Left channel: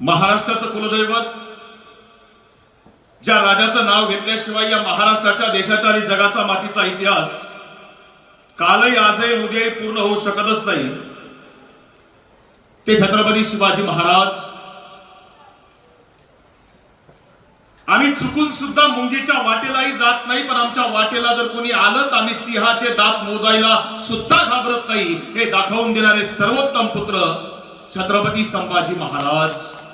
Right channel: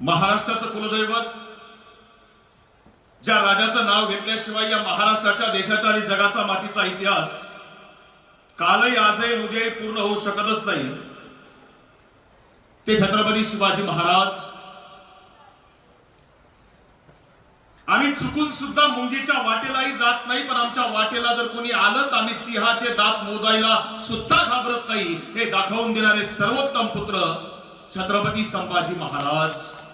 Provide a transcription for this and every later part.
महाराष्ट्राचं कुलदैवत ज्या राजाचं नाव घेतल्याशिवाय या महाराष्ट्राच्या देशाचा आणि जगाचा मातीचा इतिहास कालही आजही उद्याही पूर्ण होऊ शकतच नाही. ते छत्रपती शिवाजी महाराज. आम्ही चुकून सुद्धा मुंगीच्या वाटेलाही जात नाही पण आमच्या वाटेला जर कोणी आलं तर आम्ही सिंहाचे दात मोजायला सुद्धा घाबरत नाही. हे दाखवून देणारे सर्वोत्तम पुत्र छत्रपती संभाजी महाराज.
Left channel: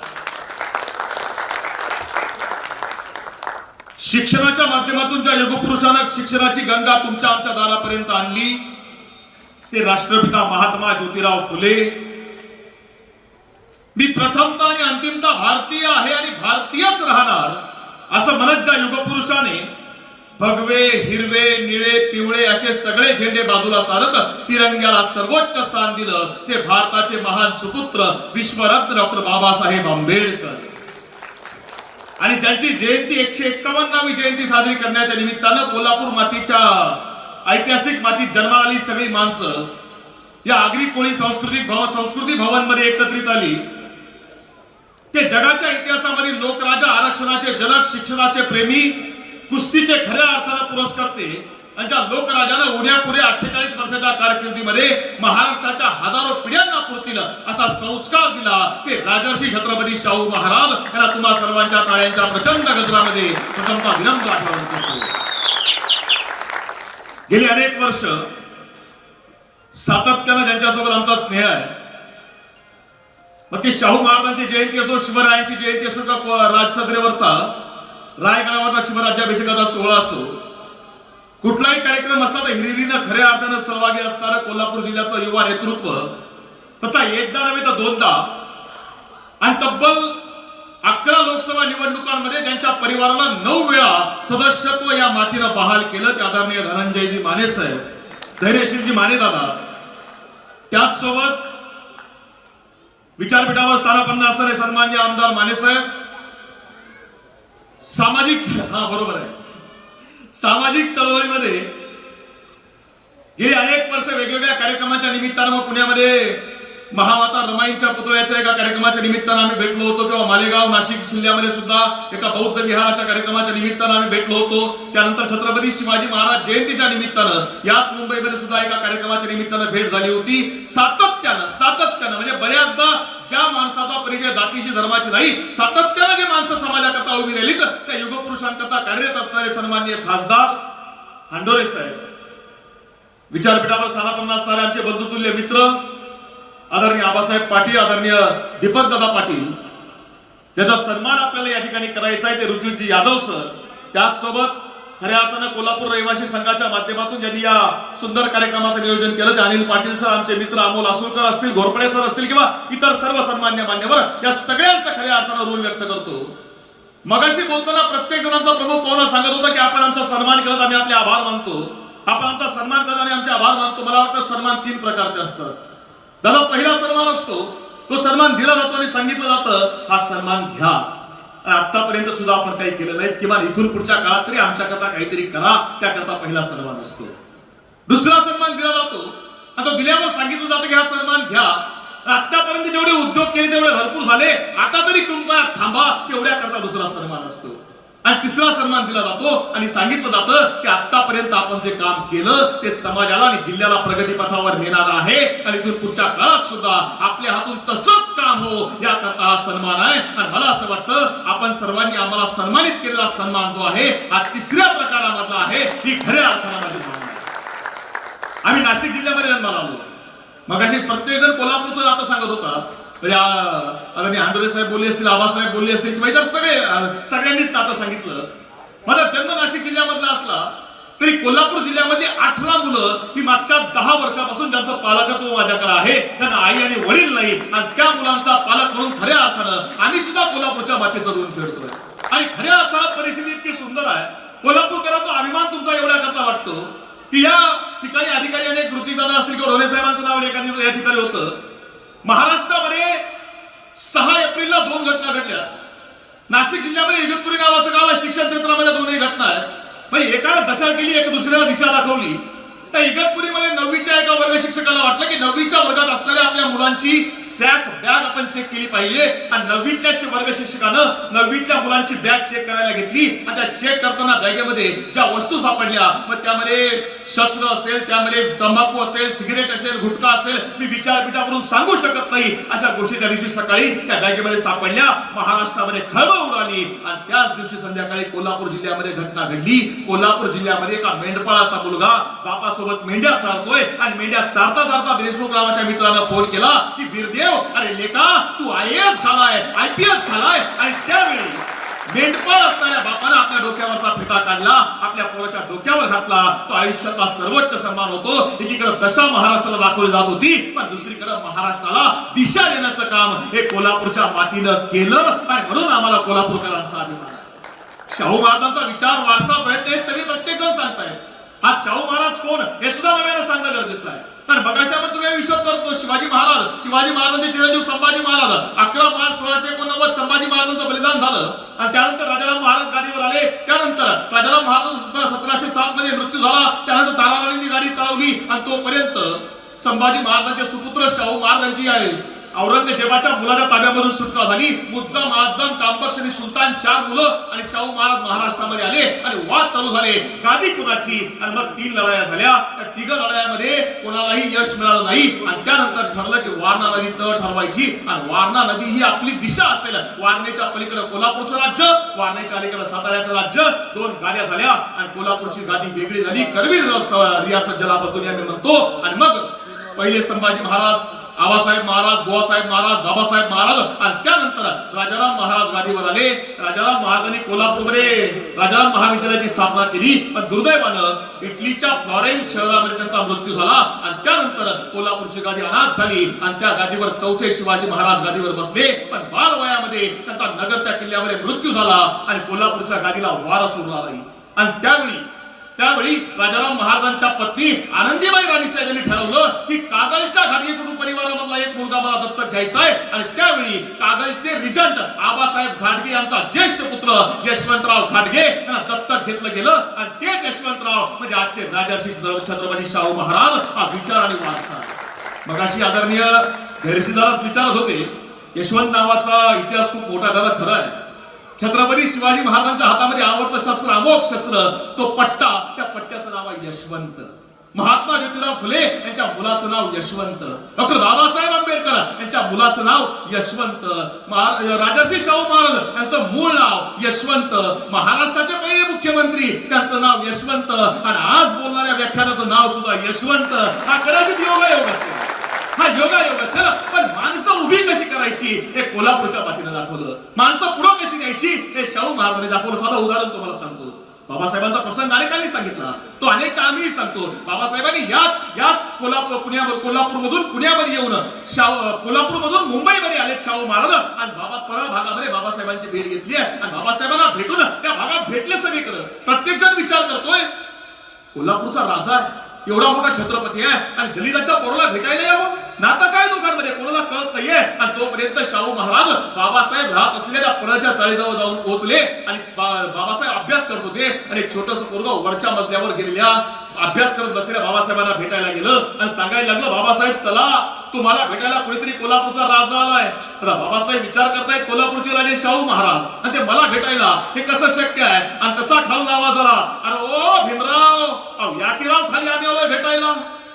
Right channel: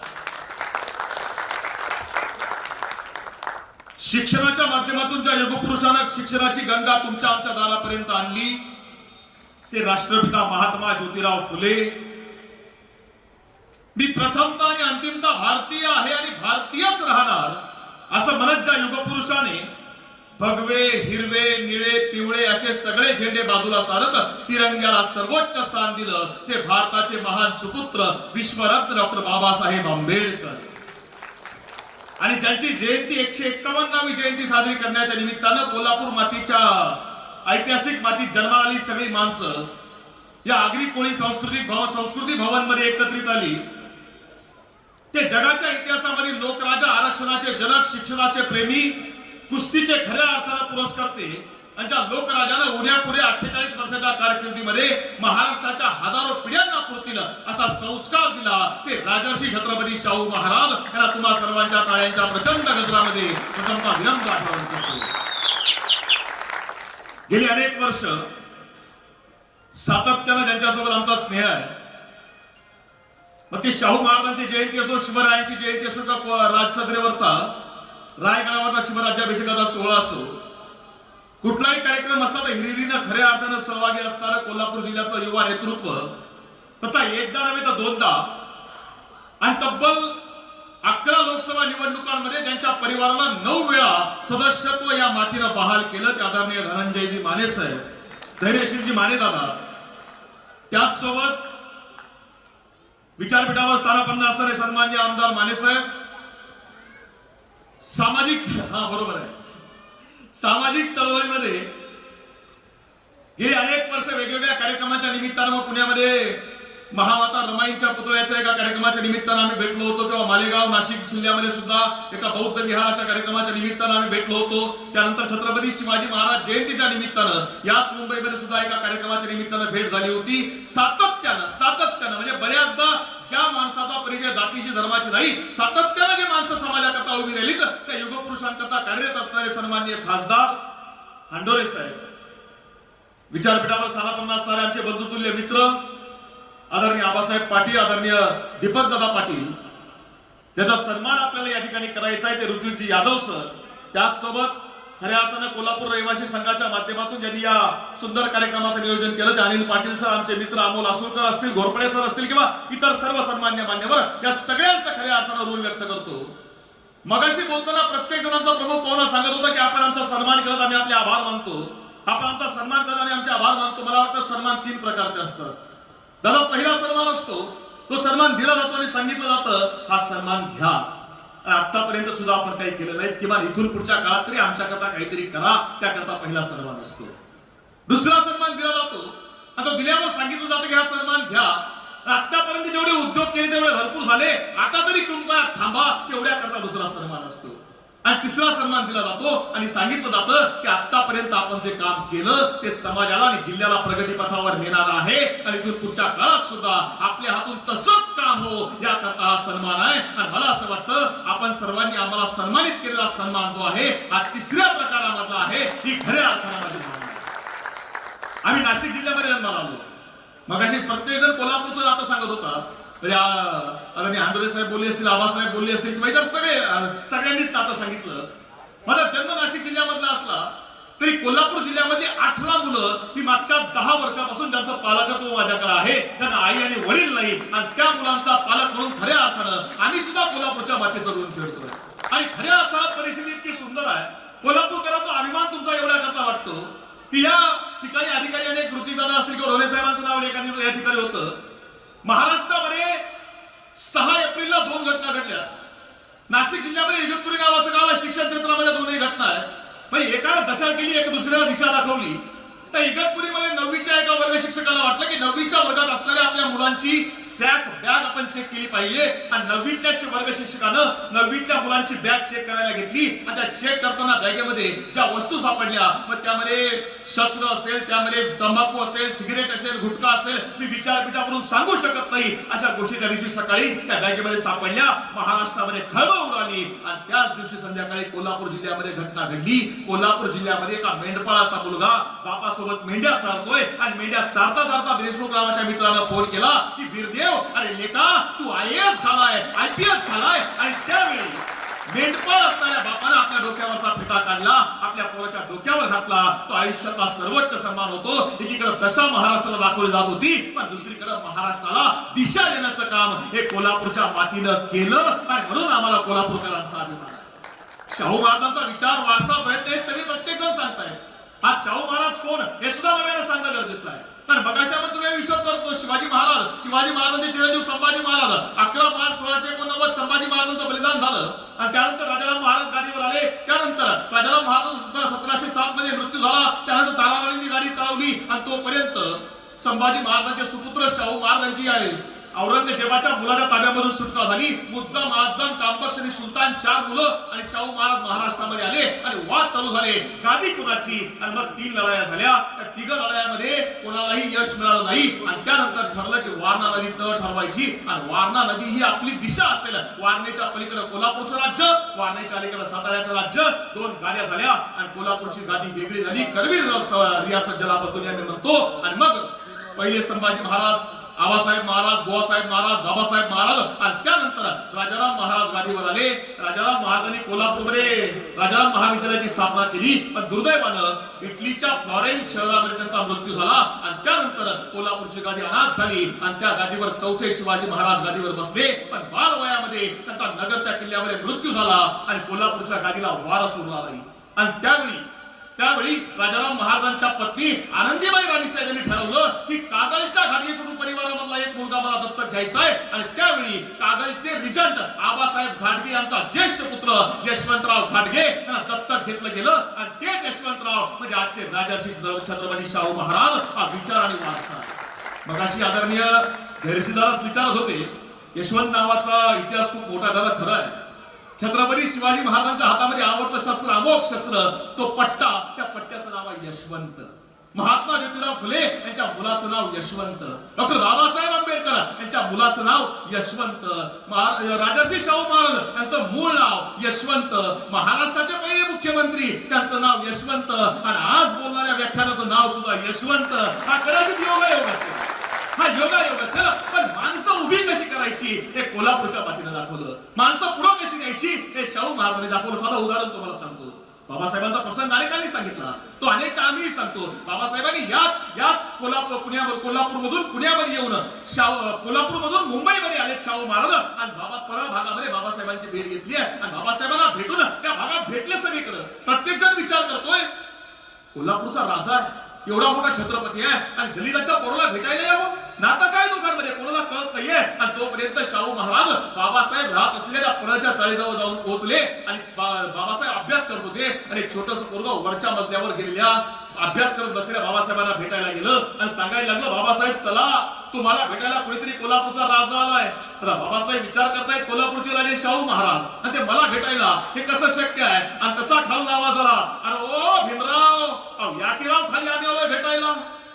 शिक्षणाच्या माध्यमातून ज्या युगपुरुषानं शिक्षणाची गंगा तुमच्या आमच्या दारापर्यंत आणली ते राष्ट्रपिता महात्मा ज्योतिराव फुले. मी प्रथमता आणि अंतिमता भारतीय आहे आणि भारतीयच राहणार असं म्हणत ज्या युगपुरुषाने भगवे हिरवे निळे पिवळे असे सगळे झेंडे बाजूला सारत तिरंग्याला सर्वोच्च स्थान दिलं ते भारताचे महान सुपुत्र विश्वरत्न डॉक्टर बाबासाहेब आंबेडकर. आणि त्यांची जयंती एकशे एक्कावन्नावी जयंती साजरी करण्याच्या निमित्तानं कोल्हापूर मातीच्या ऐतिहासिक मातीत जन्माला आली सगळी माणसं. या आगरी कोळी सांस्कृतिक भवन संस्कृती भवनमध्ये एकत्रित आली. ते जगाच्या इतिहासामध्ये लोकराजा आरक्षणाचे जनक शिक्षणाचे प्रेमी कुस्तीचे खऱ्या अर्थाला पुरस्कारते आणि त्या लोकराजानं उद्या पुढे अठ्ठेचाळीस वर्षाच्या कारकिर्दीमध्ये महाराष्ट्राच्या हजारो पिढ्यांना पुरतील असा संस्कार दिला ते राजर्षी छत्रपती शाहू महाराज यांना तुम्हा सर्वांच्या टाळ्यांच्या प्रचंड गजरामध्ये प्रथमतः विनम्र आठवण करतो. गेली अनेक वर्ष सातत्यानं ज्यांच्यासोबत आमचा स्नेह आहे मग ती शाहू महाराजांची जयंती असो शिवरायांची जयंती असो का को- राजसदरेवरचा रायगडावरचा शिवराज्याभिषेकाचा सोहळा असो कुठलाही कार्यक्रम असला तर हिरिरीनं खऱ्या अर्थानं सहभागी असणारं कोल्हापूर जिल्ह्याचं युवा नेतृत्व. तथा एकदा नव्हे तर दोनदा. आणि तब्बल अकरा लोकसभा निवडणुकांमध्ये ज्यांच्या परिवाराला नऊ वेळा सदस्यत्व या मातीनं बहाल केलं ते आदरणीय धनंजयजी माने साहेब धैर्यशीलजी माने दादा. त्याचसोबत विचारपीठावर स्थानापन्न असणारे सन्मान्य आमदार मानेसाहेब सामाजिक हा बरोबर आहे. सामाजिक चळवळीमध्ये गेली अनेक वर्ष वेगवेगळ्या कार्यक्रमाच्या निमित्तानं मग पुण्यामध्ये महामाता रमाईंच्या पुतळ्याच्या एका कार्यक्रमाच्या निमित्तानं आम्ही भेटलो होतो. किंवा मालेगाव नाशिक जिल्ह्यामध्ये सुद्धा एका बौद्ध विहाराच्या कार्यक्रमाच्या निमित्तानं आम्ही भेटलो होतो. त्यानंतर छत्रपती शिवाजी महाराज जयंतीच्या निमित्तानं याच मुंबईमध्ये सुद्धा एका कार्यक्रमाच्या निमित्तानं भेट झाली होती. सातत्यानं सातत्यानं म्हणजे बऱ्याचदा ज्या माणसाचा परिचय जातीशी धर्माची नाही सातत्यानं जे माणसं समाजाकरता उभी राहिलीच त्या युगपुरुषांकरता कार्यरत असणारे सन्माननीय खासदार हांडोरे साहेब. विचारपीठावर स्थानापन्न असणारे आमचे बंधुतुल्य मित्र आदरणीय आबासाहेब पाटील आदरणीय दीपक दादा पाटील ज्याचा सन्मान आपल्याला या ठिकाणी करायचा आहे ते ऋतुजी यादव सर त्याचसोबत खऱ्या अर्थानं कोल्हापूर रहिवासी संघाच्या माध्यमातून ज्यांनी या सुंदर कार्यक्रमाचं नियोजन केलं ते अनिल पाटील सर आमचे मित्र अमोल आसुरकर असतील घोरपडे सर असतील किंवा इतर सर्व सन्मान्य मान्यवर या सगळ्यांचा खऱ्या अर्थानं ऋण व्यक्त करतो. मगाशी बोलताना प्रत्येक जणांचा प्रमुख पाहुणा सांगत होता की आपण आमचा सन्मान करत आम्ही आपले आभार मानतो. आपण आमचा सन्मान करत आणि आमचे आभार मानतो. मला वाटतं सन्मान तीन प्रकारचे असतात. दादा पहिला सन्मान असतो. तो सन्मान दिला जातो आणि सांगितलं जातं हा सन्मान घ्या. आतापर्यंत सुद्धा आपण काही केलं नाही किमान इथून पुढच्या काळात तरी आमच्याकरता काहीतरी करा त्याकरता पहिला सन्मान असतो. दुसरा सन्मान दिला जातो. आता दिल्यावर सांगितलं जातं की हा सन्मान घ्या. आतापर्यंत जेवढे उद्योग केले तेवढे भरपूर झाले. आता तरी कृपया थांबा तेवढ्या करता दुसरा सन्मान असतो. आणि तिसरा सन्मान दिला जातो आणि सांगितलं जातं की आतापर्यंत आपण जे काम केलं ते समाजाला आणि जिल्ह्याला प्रगतीपथावर नेणार आहे. आणि इथून पुढच्या काळात सुद्धा आपल्या हातून तसंच काम हो याकरता हा सन्मान आहे. आणि मला असं वाटतं आपण सर्वांनी आम्हाला सन्मानित केलेला सन्मान जो आहे हा तिसऱ्या प्रकारामधला आहे. ती खऱ्या अर्थानं माझी भावना आम्ही नाशिक जिल्ह्यामध्ये जन्माला आलो. मगाशी प्रत्येक जण कोल्हापूरचं आता सांगत होता. म्हणजे या आदरणीय आंडोरे साहेब बोलले असतील आबासाहेब बोलले असतील किंवा इतर सगळे सगळ्यांनीच आता सांगितलं. माझा जन्म नाशिक जिल्ह्यामधला असला तरी कोल्हापूर जिल्ह्यामध्ये अठरा मुलं ही मागच्या दहा वर्षापासून ज्यांचं पालकत्व माझ्याकडे आहे त्यांना आई आणि वडील नाही. आणि त्या मुलांचा पालक म्हणून खऱ्या अर्थानं आम्ही सुद्धा कोल्हापूरच्या मातीचं ऋण फेडतोय आणि खऱ्या अर्थानं परिस्थिती इतकी सुंदर आहे. कोल्हापूरकरांचा अभिमान तुमचा एवढ्या करता वाटतो? की या ठिकाणी अधिकारी अनेक कृतीदादा असतील किंवा रोले साहेबांचं नाव एका या ठिकाणी होतं. महाराष्ट्रामध्ये सहा एप्रिलला दोन घटना घडल्या. नाशिक जिल्ह्यामध्ये इगतपुरी नावाचं गाव आहे. शिक्षण क्षेत्रामध्ये दोन्ही घटना आहेत. म्हणजे एकाला दशा केली एक दुसऱ्याला दिशा दाखवली. त्या इगतपुरीमध्ये नववीच्या एका वर्ग शिक्षकाला वाटलं की नववीच्या वर्गात असणाऱ्या आपल्या मुलांची सॅक बॅग आपण चेक केली पाहिजे. आणि नववीतल्या वर्ग शिक्षकानं नववीतल्या मुलांची बॅग चेक करायला घेतली. आणि त्या चेक करताना बॅगेमध्ये ज्या वस्तू सापडल्या मग त्यामध्ये शस्त्र असेल त्यामध्ये तंबाखू असेल सिगरेट असेल गुटखा असेल मी विचारपीठावरून सांगू शकत नाही अशा गोष्टी त्या दिवशी सकाळी त्या बॅगेमध्ये सापडल्या. महाराष्ट्रामध्ये खळबळ उडाली. आणि त्याच दिवशी संध्याकाळी कोल्हापूर जिल्ह्यामध्ये घटना घडली. कोल्हापूर जिल्ह्यामध्ये एका मेंढपाळाचा मुलगा बापासोबत मेंढ्या चालतोय. आणि मेंढ्या चारता चारता देशमुख रावाच्या मित्रानं फोन केला की बिरदेव अरे लेका तू आय एस झालाय आय पी एस झालाय. आणि त्यावेळी मेंढपाळ असणाऱ्या बापानं आपल्या डोक्यावरचा फिटा काढला आपल्या पोराच्या डोक्यावर घातला. तो आयुष्यातला सर्वोच्च सन्मान होतो. एकीकडे दशा महाराष्ट्राला दाखवली जात होती पण दुसरीकडे महाराष्ट्राला दिशा देण्याचं काम हे कोल्हापूरच्या मातीनं केलं. आणि म्हणून आम्हाला कोल्हापूरकरांचा अभिमान आहे. शाहू महाराजांचा विचार वारसा प्रयत्न हे सगळे प्रत्येक जण सांगतायत. आज शाहू महाराज कोण? हे सुद्धा नव्यानं सांगणं गरजेचं आहे. तर बघाशामध्ये तुम्ही विश्वास करतो शिवाजी महाराज शिवाजी महाराजांचे चिरंजीव संभाजी महाराज अकरा मार्च सोळाशे एकोणनव्वद संभाजी महाराजांचं बलिदान झालं. आणि त्यानंतर राजाराम महाराज गादीवर आले. त्यानंतर राजाराम महाराज सुद्धा सतराशे सात मध्ये मृत्यू झाला. त्यानंतर ताराराणींनी गाडी चालवली. आणि तोपर्यंत संभाजी महाराजांचे सुपुत्र शाहू महाराजांची आहे. औरंगजेबाच्या मुलाच्या ताब्यामधून सुटका झाली. मुज्जाम आजम कांबक्ष आणि सुलतान चार मुलं आणि शाहू महाराज महाराष्ट्रामध्ये आले आणि वाद चालू झाले. गादी कुणाची? आणि मग तीन लढाया झाल्या. त्या तिघ लढायामध्ये कोणालाही यश मिळालं नाही. आणि त्यानंतर ठरलं की वारणा नदी तळ ठरवायची. आणि वारणा नदी ही आपली दिशा असेल. वारणेच्या पलीकडे कोल्हापूरचं राज्य वारणेच्या अलीकडे साताऱ्याचं राज्य. दोन गाड्या झाल्या आणि कोल्हापूरची गादी वेगळी झाली. करवीर रियासत जलाबद्दल आम्ही म्हणतो. आणि मग पहिले संभाजी महाराज आबासाहेब महाराज बुवासाहेब महाराज बाबासाहेब महाराज आणि त्यानंतर राजाराम महाराज गादीवर आले. राजाराम महाराजांनी कोल्हापूरमध्ये राजाराम महाविद्यालयाची स्थापना केली. पण दुर्दैवानं इटलीच्या फ्लॉरेन्स शहरामध्ये त्यांचा मृत्यू झाला आणि त्यानंतर कोल्हापूरची गादी अनाथ झाली आणि त्या गादीवर चौथे शिवाजी महाराज गादीवर बसले. पण बाल वयामध्ये त्यांचा नगरच्या किल्ल्यामध्ये मृत्यू झाला आणि कोल्हापूरच्या गादीला वारा सुरू नाही. आणि त्यावेळी त्यावेळी राजाराम महाराजांच्या पत्नी आनंदीबाई राणीसाहेब यांनी ठरवलं की कागलच्या घाटगे कुटुंब परिवारामधला एक मुलगा मला दत्तक घ्यायचा आहे. आणि त्यावेळी कागलचे रिजंट आबासाहेब घाटगे यांचा ज्येष्ठ पुत्र यशवंतराव घाटगे यांना दत्तक घेतलं गेलं. आणि तेच यशवंतराव म्हणजे आजचे राजर्षी छत्रपती शाहू महाराज हा विचार आणि वारसा. मग अशी आदरणीय धैर्यसिद्धाराच विचारत होते यशवंत नावाचा इतिहास खूप मोठा झाला खरं आहे. छत्रपती शिवाजी महाराजांच्या हातामध्ये आवडतं शस्त्र अमोघ शस्त्र तो पट्टा त्या पट्ट्याचं नाव आहे यशवंत. महात्मा ज्योतिराव फुले यांच्या मुलाचं नाव यशवंत. डॉक्टर बाबासाहेब आंबेडकर यांच्या मुलाचं नाव यशवंत. महा- राजर्षी शाहू महाराज यांचं मूळ नाव यशवंत. महाराष्ट्राचे पहिले मुख्यमंत्री त्यांचं नाव यशवंत. आणि आज बोलणाऱ्या व्याख्यानाचं नाव सुद्धा यशवंत. हा कदाचित योगायोग असेल हा योगा असेल पण माणसं उभी कशी करायची? हे कोल्हापूरच्या बातीनं दाखवलं. माणसं पुढं कशी न्यायची? हे शाहू महाराजांनी दाखवलं. साधं उदाहरण तुम्हाला सांगतो. बाबासाहेबांचा प्रसंग अनेकांनी सांगितला. तो अनेक आम्ही सांगतो. बाबासाहेबांनी याच याच कोल्हापूर पुण्या कोल्हापूरमधून पुण्यामध्ये येऊन शाहू कोल्हापूरमधून मुंबईमध्ये आले शाहू महाराज. आणि बाबा परळ भागामध्ये बाबासाहेबांची भेट घेतली आहे. आणि बाबासाहेबांना भेटून त्या भागात भेटले सगळीकडे. प्रत्येक जण विचार करतोय कोल्हापूरचा राजा आहे. एवढा मोठा छत्रपती आहे. आणि दलिताच्या पोराला भेटायला यावं? नातं काय दोघांमध्ये कोणाला कळत नाहीये. आणि तोपर्यंत शाहू महाराज बाबासाहेब राहत असलेल्या परळच्या चाळीजवळ जाऊन पोहोचले आणि बाबासाहेब अभ्यास करत होते. आणि एक छोटस पोरग वरच्या मजल्यावर गेलेल्या अभ्यास करत बसलेल्या बाबासाहेबांना भेटायला गेलं आणि सांगायला लागलं बाबासाहेब चला तुम्हाला भेटायला कोणीतरी कोल्हापूरचा राजा आलाय. आता बाबासाहेब विचार करतायत कोल्हापूरचे राजे शाहू महाराज. आणि ते मला भेटायला हे कसं शक्य आहे? आणि कसा खालून आवाज आला अरे ओ भीमराव या की राव खाली आम्ही आलोय भेटायला.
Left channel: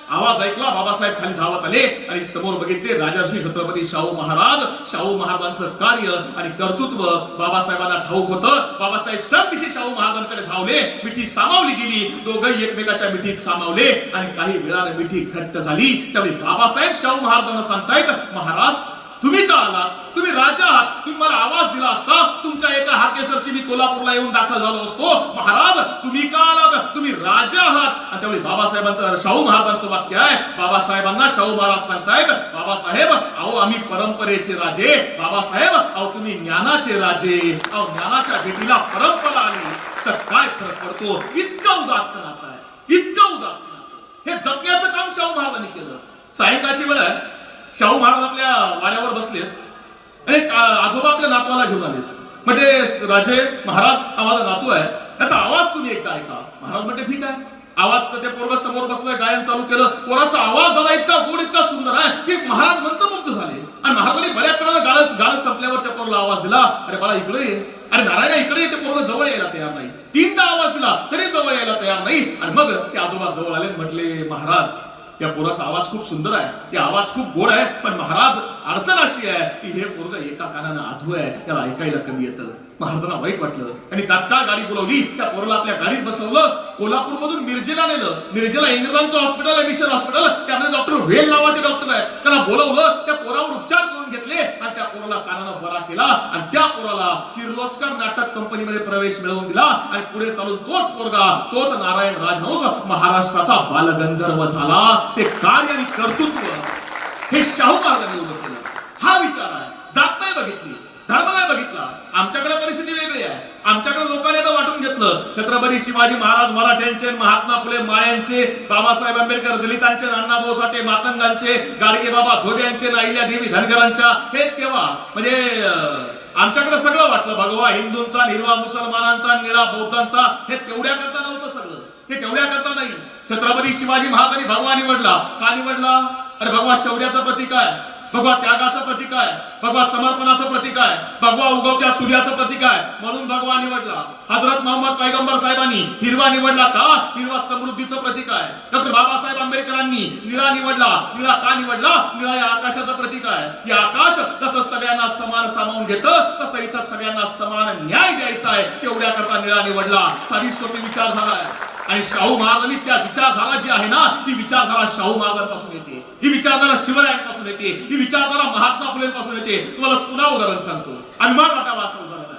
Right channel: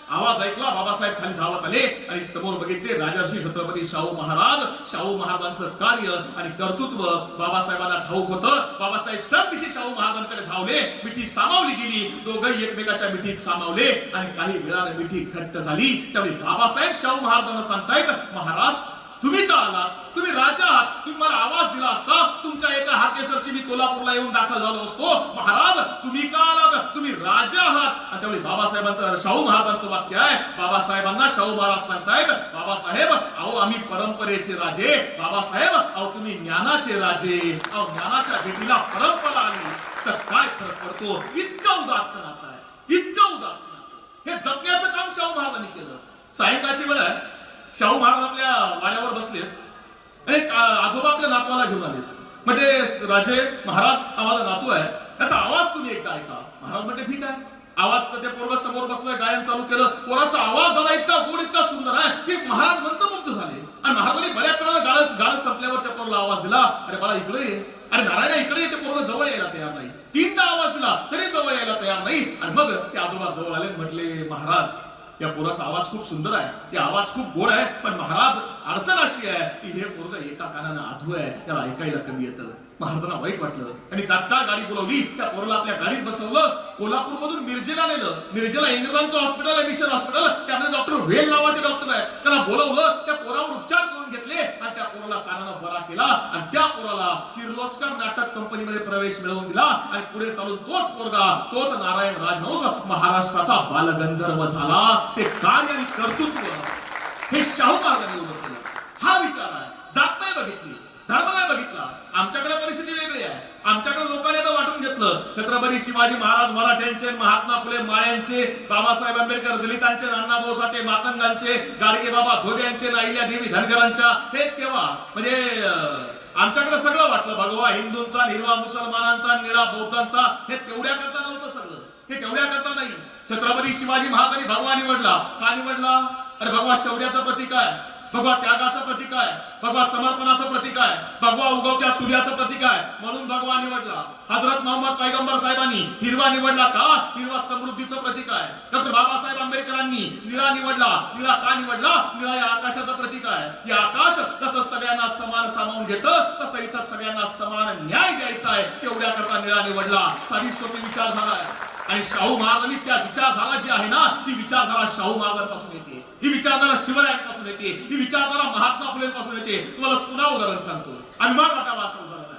आवाज ऐकला बाबासाहेब खाली धावत आले आणि समोर बघितले राजर्षी छत्रपती शाहू महाराज. शाहू महाराजांचं कार्य आणि कर्तृत्व बाबासाहेबांना ठाऊक होतं. बाबासाहेब सरदिशी शाहू महाराजांकडे धावले मिठी सामावली गेली. दोघंही एकमेकाच्या मिठीत सामावले आणि काही वेळाने मिठी घट्ट झाली. त्यावेळी बाबासाहेब शाहू महाराजांना सांगतायत महाराज तुम्ही का आलात तुम्ही राजा आहात तुम्ही मला आवाज दिला असता तुमच्या एका हाकेसरशी मी कोल्हापूरला येऊन दाखल झालो असतो. महाराज तुम्ही का आलात? तुम्ही राजा आहात. आणि त्यावेळी बाबासाहेबांचं शाहू महाराजांचं वाक्य आहे. बाबासाहेबांना शाहू महाराज सांगतायत बाबासाहेब अहो आम्ही परंपरेचे राजे. बाबासाहेब अहो तुम्ही ज्ञानाचे राजे. अहो ज्ञानाच्या भेटीला परंपरा आली. तर काय फरक पडतो? इतकं उदात्त नातं आहे. इतकं उदात्त नातं हे जपण्याचं काम शाहू महाराजांनी केलं. सायंकाळची वेळ आहे शाहू महाराज आपल्या वाड्यावर बसलेत. आणि एक आजोबा आपल्या नातवाला घेऊन आले म्हणजे राजे महाराज हा माझा नातू आहे. त्याचा आवाज तुम्ही एकदा ऐका. महाराज म्हणजे ठीक आहे. आवाज सध्या पोरग समोर बसलोय गायन चालू केलं. पोराचा आवाज दादा इतका गोड इतका सुंदर आहे की महाराज मंत्रमुग्ध झाले. आणि महाराजांनी बऱ्याच वेळा गाळस गाळस संपल्यावर त्या पोरला आवाज दिला. अरे बाळा इकडे ये. अरे नारायण इकडे ते पोरग जवळ यायला तयार नाही. तीनदा आवाज दिला तरी जवळ यायला तयार नाही. आणि मग ते आजोबा जवळ आले म्हटले महाराज या पोराचा आवाज खूप सुंदर आहे. ते आवाज खूप गोड आहे पण महाराज अडचण अशी आहे की हे पोरग एका कानानं आधू आहे त्याला ऐकायला कमी येतं. महाराजांना वाईट वाटलं. आणि तात्काळ गाडी बोलवली त्या पोराला आपल्या गाडीत बसवलं. कोल्हापूर मधून मिरजेला नेलं. मिरजेला इंग्रजांचं हॉस्पिटल आहे मिशन हॉस्पिटल त्यामध्ये डॉक्टर वेल नावाचे डॉक्टर आहे त्यांना बोलवलं. त्या पोरावर उपचार करून घेतले आणि त्या पोराला कानानं बरा केला आणि त्या पोराला किर्लोस्कर नाटक कंपनीमध्ये प्रवेश मिळवून दिला आणि पुढे चालून तोच पोरगा तोच नारायण राजहंस महाराष्ट्राचा बालगंधर्व झाला. ते कार्य आणि कर्तृत्व हे शाहू महाराजांनी उभं केलं. हा विचार आहे. जात नाही बघितली. धर्म बघितला. आमच्याकडे परिस्थिती वेगळी आहे. आमच्याकडे लोकांनी आता वाटून घेतलं. छत्रपती शिवाजी महाराज मराठ्यांचे महात्मा फुले माळ्यांचे बाबासाहेब आंबेडकर दलितांचे नानाभाऊ साठे मातंगांचे गाडगे बाबा धोब्यांचे राहिल्या देवी धनगरांच्या हे तेव्हा म्हणजे आमच्याकडे सगळं वाटलं. भगवा हिंदूंचा निर्वा मुसलमानांचा निळा बौद्धांचा हे तेवढ्या करता नव्हतं सगळं. हे तेवढ्या करता नाही. छत्रपती शिवाजी महाराजांनी भगवा निवडला. का निवडला? अरे भगवा शौर्याचा प्रतीक आहे. भगवा त्यागाचं प्रतीक आहे. भगवा समर्पणाचं प्रतीक आहे. भगवा उगवत्या सूर्याचं प्रतीक आहे. म्हणून भगवा निवडला. हजरत मोहम्मद पैगंबर साहेबांनी हिरवा निवडला का? हिरवा समृद्धीचं प्रतीक आहे. डॉक्टर बाबासाहेब आंबेडकरांनी निळा निवडला. निळा का निवडला? निळा या आकाशाचं प्रतीक आहे. हे आकाश जसं सगळ्यांना समान सामावून घेतं तसं इथं सगळ्यांना समान न्याय द्यायचा आहे. तेवढ्या करता निळा निवडला. साधी सोपी विचारधारा आहे. आणि शाहू महाराजांनी त्या विचारधारा जी आहे ना ती विचारधारा शाहू महाराजांपासून येते. ही विचारधारा शिवरायांपासून येते. ही विचारधारा महात्मा फुलेंपासून येते. तुम्हाला पुन्हा उदाहरण सांगतो. अभिमान वाटावा असं उदाहरण आहे.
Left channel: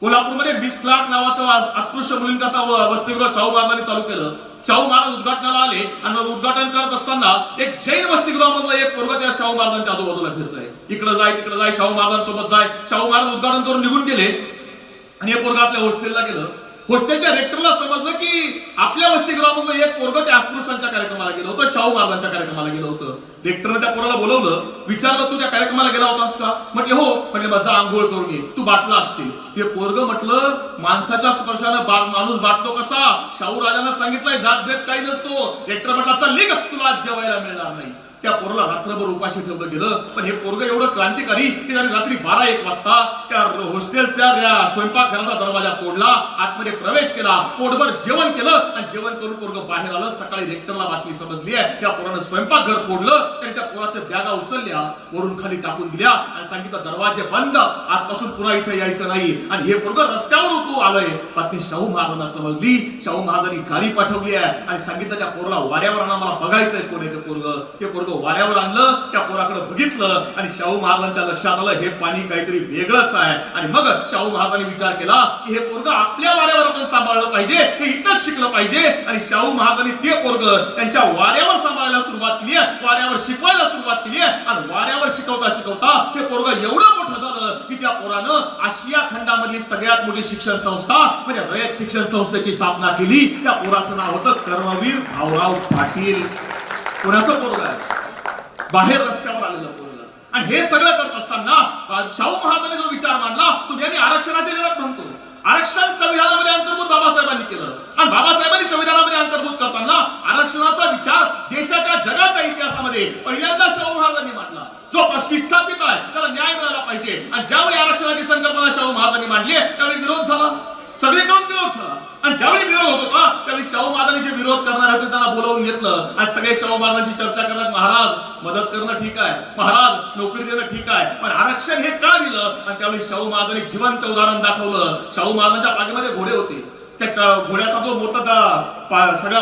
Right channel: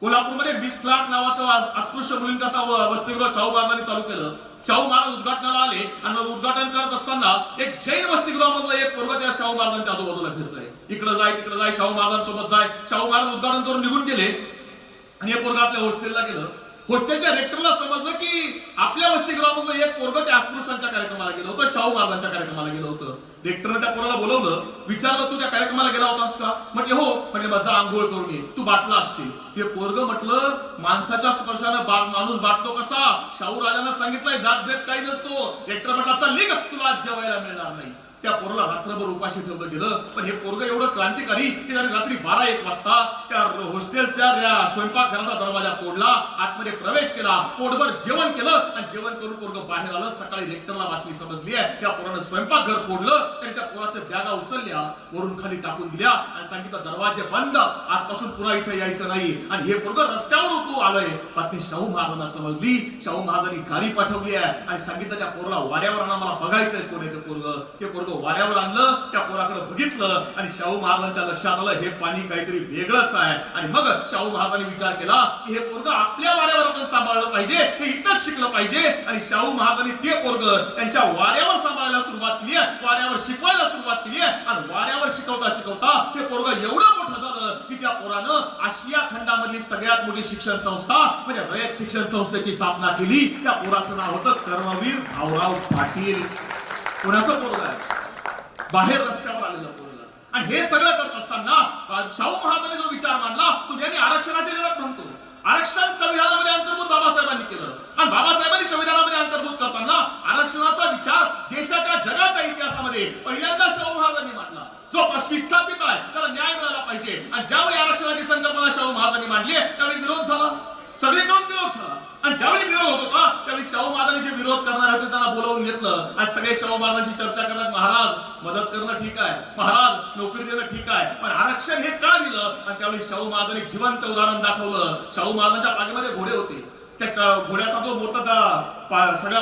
कोल्हापूरमध्ये वीस लाख नावाचं अस्पृश्य मुलींकरता वसतिगृह शाहू महाराजांनी चालू केलं. शाहू महाराज उद्घाटनाला आले आणि मग उद्घाटन करत असताना एक जैन वसतिगृहामधला एक पोरग त्या शाहू महाराजांच्या आजूबाजूला फिरतंय. इकडे जाय तिकडे जाय शाहू महाराजांसोबत जाय. शाहू महाराज उद्घाटन करून निघून गेले. आणि हे पोरगा आपल्या हॉस्टेलला गेलं. हॉस्टेलच्या रेक्टरला समजलं की आपल्या वसतिगृहामधलं एक पोरग त्या अस्पृश्यांच्या कार्यक्रमाला गेलं होतं शाहू महाराजांच्या कार्यक्रमाला गेलं होतं. रेक्टरनं त्या पोराला बोलवलं विचारलं तू त्या कार्यक्रमाला गेला होतास का? म्हटले हो. म्हटले माझा आंघोळ करून ये. तू बाटला असशील. ते पोरग म्हटलं माणसाच्या स्पर्शानं बा- माणूस बाटतो कसा? शाहू राजांना सांगितलंय जात भेद काही नसतो. रेक्टर म्हटला चल निघ तुला आज जेवायला मिळणार नाही. त्या पोराला रात्रभर उपाशी ठेवलं गेलं. पण हे पोरग एवढं क्रांतिकारी की त्याने रात्री बारा एक वाजता त्या हॉस्टेलच्या स्वयंपाकघराचा दरवाजा तोडला आतमध्ये प्रवेश केला पोटभर जेवण केलं आणि जेवण करून पोरग बाहेर आलं. सकाळी रेक्टरला बातमी समजली आहे. त्या पोरानं स्वयंपाकघर फोडलं आणि त्या पोराच्या बॅगा उचलल्या वरून खाली टाकून दिल्या आणि सांगितलं दरवाजे बंद. आजपासून पुन्हा इथे यायचं नाही. आणि हे पोरग रस्त्यावर उठू आलंय. बातमी शाहू महाराजांना समजली. शाहू महाराजांनी गाडी पाठवली आहे आणि सांगितलं त्या पोरला वाड्यावर आम्हाला मला बघायचंय कोण आहे ते पोरग. ते पोरग वाड्यावर आणलं त्या पोराकडे बघितलं आणि शाहू महाराजांच्या लक्षात आलं हे पाणी काहीतरी वेगळंच आहे. आणि मग शाहू महाराजांनी विचार केला की हे पोरग आपल्या वाड्यावर आपण सांभाळलं पाहिजे हे इथंच शिकलं पाहिजे. आणि शाहू महाराजांनी ते पोरग त्यांच्या वाड्यावर सांभाळायला सुरुवात केली आहे वाड्यावर शिकवायला सुरुवात केली आहे. आणि वाड्यावर शिकवता शिकवता ते पोरग एवढं मोठं झालं की त्या पोरानं आशिया खंडामधली सगळ्यात मोठी शिक्षण संस्था म्हणजे रयत शिक्षण संस्थेची स्थापना केली. त्या पोराचं नाव होतं कर्मवीर भाऊराव पाटील. कोणाचं पोरग आहे? बाहेर रस्त्यावर आलेलं पोरग. आणि हे सगळं करत असताना शाहू महाराजांनी जो विचार मांडला तो नेहमी आरक्षणाचे जगात म्हणतो. आरक्षण संविधानामध्ये अंतर्भूत बाबासाहेबांनी केलं. आणि बाबासाहेबांनी संविधानामध्ये अंतर्भूत करताना आरक्षणाचा विचार देशाच्या जगाच्या इतिहासामध्ये पहिल्यांदा शाहू महाराजांनी मांडला. जो विस्थापित आहे त्याला न्याय मिळाला पाहिजे. आणि ज्यावेळी आरक्षणाची संकल्पना शाहू महाराजांनी मांडली त्यावेळी विरोध झाला. सगळीकडून विरोध झाला. आणि ज्यावेळी विरोध होत होता त्यावेळी शाहू महाराजांनी जे विरोध करणार होते त्यांना बोलावून घेतलं. आणि सगळे शाहू महाराजांची चर्चा करतात महाराज मदत करणं ठीक आहे. महाराज नोकरी देणं ठीक आहे. पण आरक्षण हे का दिलं? आणि त्यावेळी शाहू महाराजांनी जिवंत उदाहरण दाखवलं. शाहू महाराजांच्या पाठीमध्ये घोडे होते. त्याच्या घोड्याचा जो मोतदार पा- सगळा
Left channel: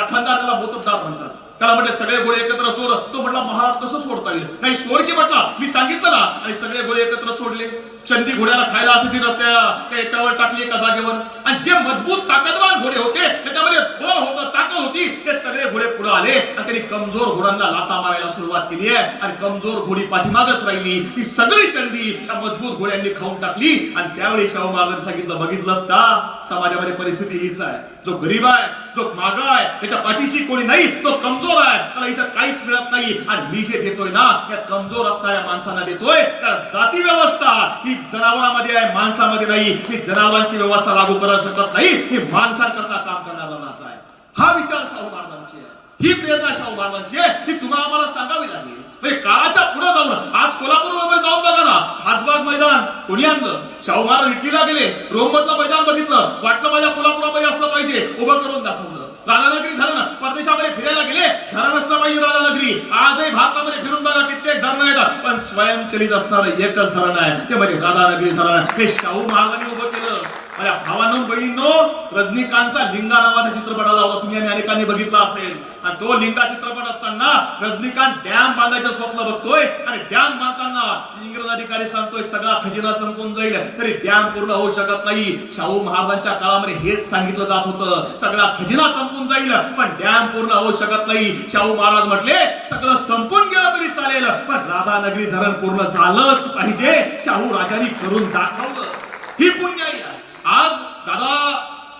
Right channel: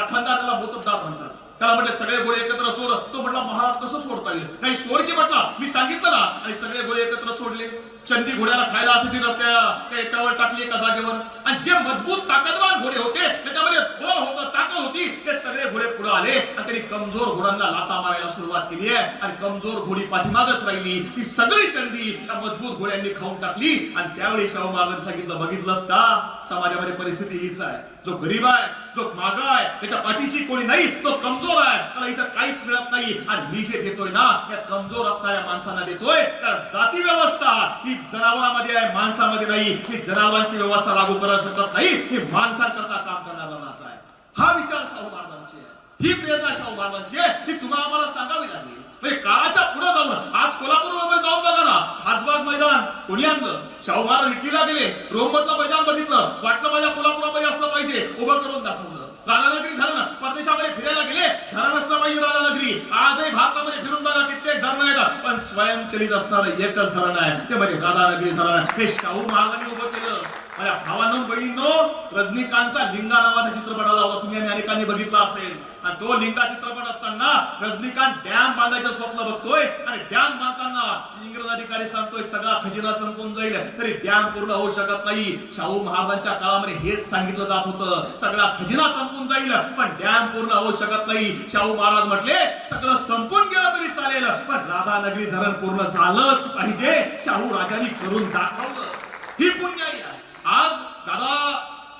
राखणदार त्याला मोतदार म्हणतात. त्याला म्हटलं सगळे घोडे एकत्र सोड. तो म्हटला महाराज कसं सोडता येईल? नाही सोड की म्हटला. मी सांगितलं ना. आणि सगळे घोडे एकत्र सोडले. चंदी घोड्याला खायला असते ती रस्त्या याच्यावर टाकली एका जागेवर. आणि जे मजबूत ताकदवान घोडे होते त्याच्यामध्ये बळ होतं ताकद होती ते सगळे घोडे पुढे आले. आणि त्यांनी कमजोर घोड्यांना लाता मारायला सुरुवात केली आहे. आणि कमजोर घोडी पाठीमागच राहिली. ती सगळी चंदी त्या मजबूत घोड्यांनी खाऊन टाकली. आणि त्यावेळी शाहू महाराजांनी सांगितलं बघितलं का? समाजामध्ये परिस्थिती हीच आहे. जो गरीब आहे जो मागा आहे त्याच्या पाठीशी कोणी नाही तो कमजोर आहे. त्याला इथं काहीच मिळत नाही. आणि मी जे देतोय ना या कमजोर असणाऱ्या माणसांना देतोय. तर जाती व्यवस्था ही जनावरांमध्ये आहे माणसामध्ये नाही. ही जनावरांची व्यवस्था लागू करू शकत नाही. ही माणसांकरता काम करणारा माणूस आहे. हा विचार शाहू महाराजांची आहे. ही प्रेरणा शाहू महाराजांची आहे. ही तुम्हाला आम्हाला सांगावी लागेल. म्हणजे काळाच्या पुढे जाऊन आज कोल्हापूर वगैरे जाऊन बघा ना खासबाग मैदान कोणी आणलं शाहू महाराज इटलीला गेले रोममधलं मैदान बघितलं. वाटलं माझ्या कोल्हापुरामध्ये असलं पाहिजे. उभं करून दाखवलं. राधानगरी धरण. परदेशामध्ये फिरायला गेले. धरण असलं पाहिजे राधानगरी. आजही भारतामध्ये फिरून बघा कित्येक धरण आहेत. पण स्वयंचलित असणारं एकच धरण आहे. ते म्हणजे राधानगरी धरण. आहे. हे शाहू महाराजांनी उभं केलं. माझ्या भावानं बहिणींनो रजनीकांतचा लिंगा नावाचा चित्रपट आला होता. तुम्ही आणि अनेकांनी बघितला असेल. आणि तो लिंगा चित्रपट असताना रजनीकांत डॅम बांधायचं स्वप्न बघतोय. आणि डॅम बांधताना इंग्रज अधिकारी सांगतोय सगळा खजिना संपून जाईल. तरी डॅम पूर्ण होऊ शकत नाही. शाहू महाराजांच्या काळामध्ये हेच सांगितलं जात होतं. सगळा खजिना संपून जाईल पण डॅम पूर्ण होऊ शकत नाही. शाहू महाराज म्हटले सगळं संपून गेलं तरी चालेल पण राधानगरी धरण पूर्ण झालंच पाहिजे. शाहू राजांनी करून दाखवलं. ही पुण्याई आहे. आज दादा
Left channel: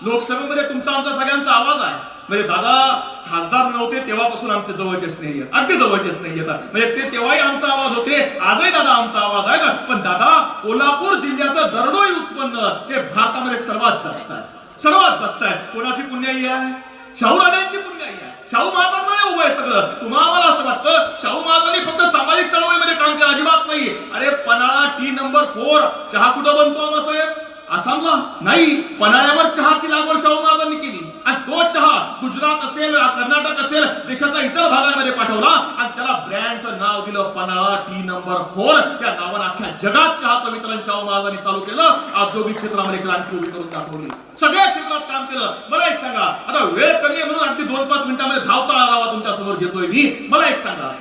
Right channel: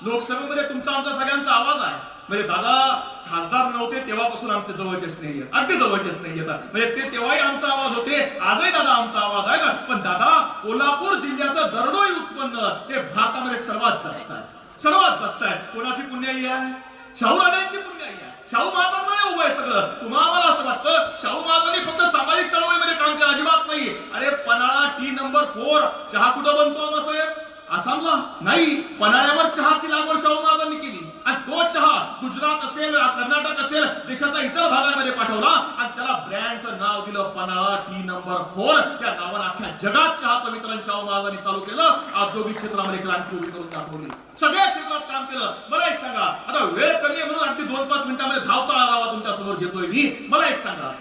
लोकसभेमध्ये तुमचा आमचा सगळ्यांचा आवाज आहे. म्हणजे दादा खासदार नव्हते तेव्हापासून आमचे जवळचे स्नेही अगदी जवळचे स्नेही येतात म्हणजे ते तेव्हाही आमचा आवाज होते. आजही दादा आमचा आवाज आहे का? पण दादा कोल्हापूर जिल्ह्याचं दरडोई उत्पन्न हे भारतामध्ये सर्वात जास्त आहे. सर्वात जास्त आहे. कोणाची पुण्याई आहे? शाहू राजांची पुण्याई आहे. शाहू महाराजांना उभं आहे सगळं. तुम्हाला असं वाटतं शाहू महाराजांनी फक्त सामाजिक चळवळीमध्ये काम केलं. अजिबात नाही. अरे पन्हाळा टी नंबर फोर चहा कुठं बनतो आबासाहेब आसामला नाही पन्हाळ्यावर चहाची लागवड शाहू महाराजांनी केली. आणि तो चहा गुजरात असेल कर्नाटक असेल देशाच्या इतर भागांमध्ये पाठवला आणि त्याला ब्रँडचं नाव दिलं पन्हाळा टी नंबर फोर या नावानं अख्ख्या जगात चहाचं वितरण शाहू महाराजांनी चालू केलं. औद्योगिक क्षेत्रामध्ये क्रांती उभी करून दाखवली. सगळ्या क्षेत्रात काम केलं. मला एक सांगा आता वेळ कमी आहे म्हणून अगदी दोन पाच मिनिटांमध्ये धावता आढावा तुमच्यासमोर घेतोय मी. मला एक सांगा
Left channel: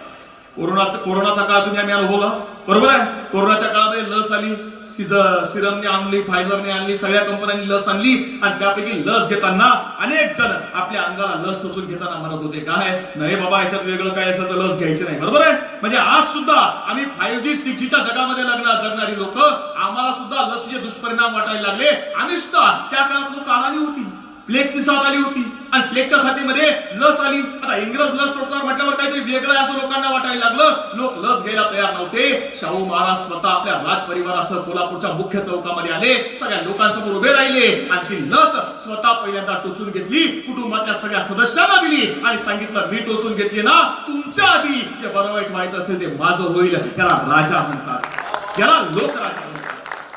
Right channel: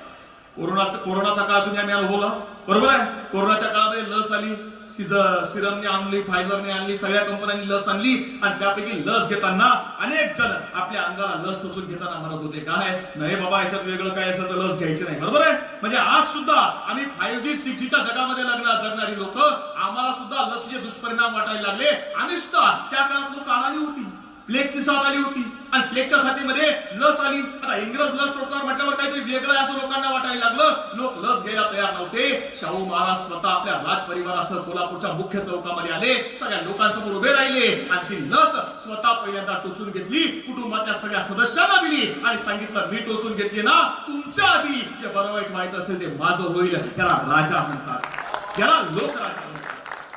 कोरोनाचा कोरोनाचा काळ तुम्ही आम्ही अनुभवला? बरोबर आहे? कोरोनाच्या काळामध्ये लस आली. सिरमने आणली फायझरने आणली सगळ्या कंपन्यांनी लस आणली आणि त्यापैकी लस घेताना अनेक जण आपल्या अंगाला लस टोचून घेताना म्हणत होते. काय? नाही बाबा याच्यात वेगळं काय असेल तर लस घ्यायची नाही. बरोबर आहे? म्हणजे आज सुद्धा आम्ही फाईव्ह जी सिक्स जीच्या जगामध्ये लग्ना जगणारी लोक आम्हाला सुद्धा लसीचे दुष्परिणाम वाटायला लागले. आम्ही सुद्धा त्या काळात लोक आली होती. प्लेगची साथ आली होती. आणि प्लेगच्या साथीमध्ये लस आली. आता इंग्रज लस टोचणार म्हटल्यावर काहीतरी वेगळं असं लोकांना वाटायला लागलं. लोक लस घ्यायला तयार नव्हते. शाहू महाराज स्वतः आपल्या राजपरिवारासह कोल्हापूरच्या मुख्य चौकामध्ये आले. सगळ्या लोकांसमोर उभे राहिले. आणि ती लस स्वतः पहिल्यांदा टोचून घेतली. कुटुंबातल्या सगळ्या सदस्यांना दिली. आणि सांगितलं मी टोचून घेतली ना तुमच्या आधी जे बरं वाईट व्हायचं असेल ते माझं होईल. त्याला राजा म्हणतात. याला लोक राजा म्हणतात.